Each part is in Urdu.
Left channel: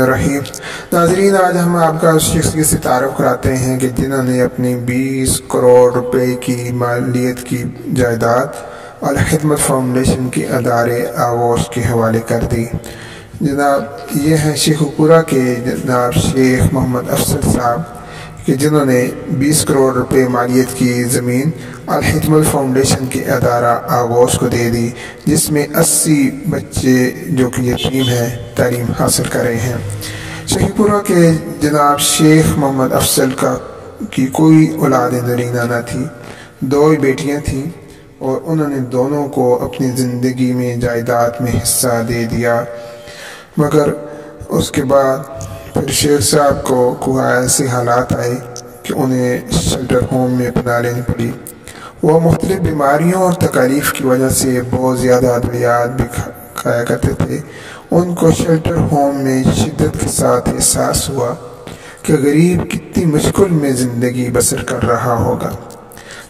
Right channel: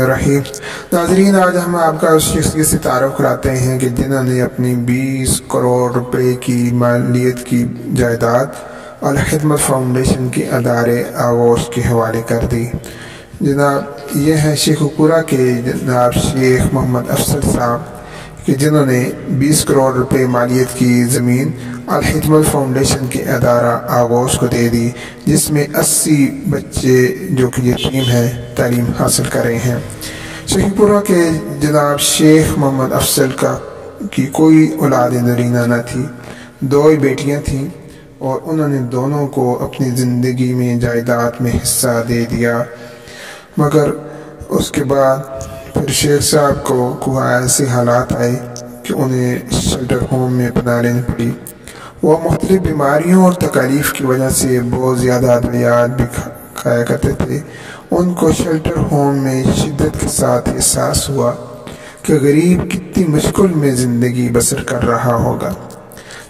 رحیم ناظرین، آج ہم آپ کا اس شخصیت سے تعارف کراتے ہیں کہ جنہوں نے اپنی 20 کروڑ روپے کی مالیت کی جائیداد الخدمت فاؤنڈیشن کے ادارے آغوش کے حوالے کر دی۔ جناب یہ ہیں شیخ پورہ کے جناب شیخ محمد افضل صاحب کہ جنہوں نے 20 کروڑ روپے مالیت کی زمین الخدمت فاؤنڈیشن کے ادارہ آغوش کو دے دی، جس میں 80 بچے جو کہ یتیم ہیں تعلیم حاصل کر رہے ہیں۔ شیخ پورہ کے جناب شیخ محمد افضل کی کوئی اولاد نرینہ نہ تھی، 2 ہی بیٹیاں تھیں اور انہوں نے دونوں کو اپنی زندگی میں جائیداد میں حصہ دے دیا، مگر اس کے بعد پھر شیخ صاحب کو ایسے حالات آئے کہ انہیں شیلٹر ہوم میں پناہ لینی پڑی۔ وہ مختلف بیماریوں اور تکالیف کی وجہ سے بہت زیادہ ادویات بھی کھایا کرتے تھے۔ ان کو شیلٹر ہوم میں شدت کے ساتھ احساس ہوا کہ غریب کتنی مشکل میں زندگی بسر کر رہا ہوگا،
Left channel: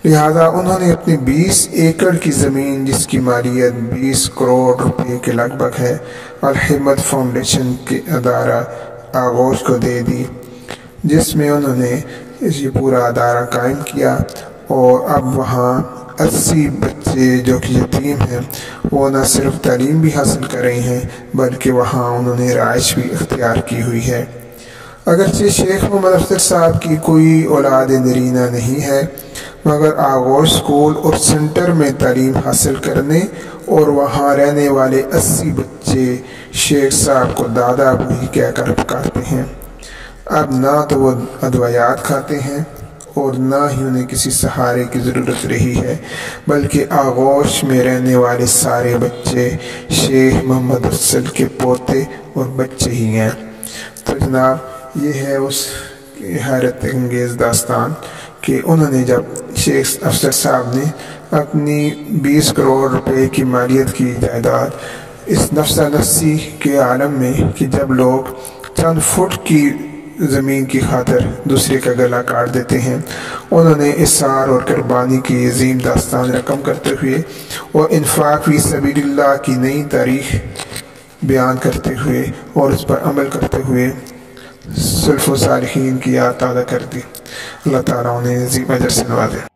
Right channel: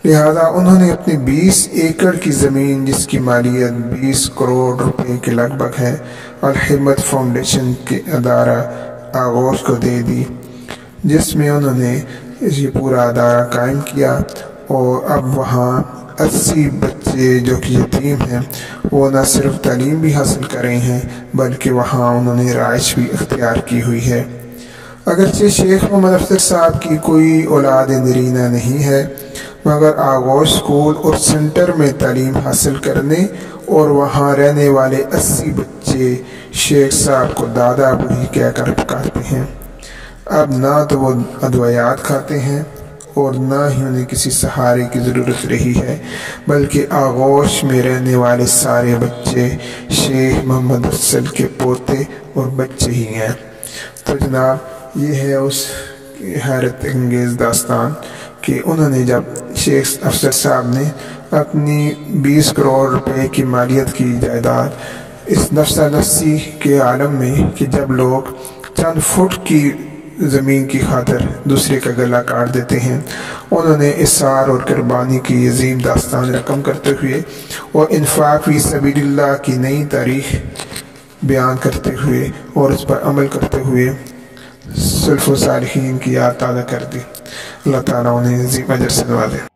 لہذا انہوں نے اپنی 20 ایکڑ کی زمین، جس کی مالیت 20 کروڑ روپے کے لگ بھگ ہے، الخدمت فاؤنڈیشن کے ادارہ آغوش کو دے دی، جس میں انہوں نے یہ پورا ادارہ قائم کیا۔ اور اب وہاں 80 بچے جو کہ یتیم ہیں وہ نہ صرف تعلیم بھی حاصل کر رہے ہیں بلکہ وہاں انہوں نے رہائش بھی اختیار کی ہوئی ہے۔ اگرچہ شیخ محمد افضل صاحب کی کوئی اولاد نرینہ نہیں ہے، مگر آغوش اسکول اور سینٹر میں تعلیم حاصل کرنے اور وہاں رہنے والے 80 بچے شیخ صاحب کو دادا ابو ہی کہہ کر پکارتے ہیں۔ اب نہ تو وہ ادویات کھاتے ہیں اور نہ ہی انہیں کسی سہارے کی ضرورت رہی ہے، بلکہ آغوش میں رہنے والے سارے بچے شیخ محمد افضل کے پوتے اور بچے ہی ہیں۔ تو جناب یہ ہے اس حیرت انگیز داستان کہ انہوں نے جب شیخ افضل صاحب نے اپنی 20 کروڑ روپے کی مالیت کی جائیداد اس نفسا نفسی کے عالم میں کہ جب لوگ چند فٹ کی زمین کی خاطر دوسرے کا گلا کاٹ دیتے ہیں، انہوں نے اثار اور قربانی کی عظیم داستان رقم کرتے ہوئے اور انفاق فی سبیل اللہ کی نئی تاریخ بیان کرتے ہوئے اور اس پر عمل کرتے ہوئے سلف و صالحین کی یاد تازہ کر دی۔ اللہ تعالیٰ انہیں عظیم اجر سے نوازے۔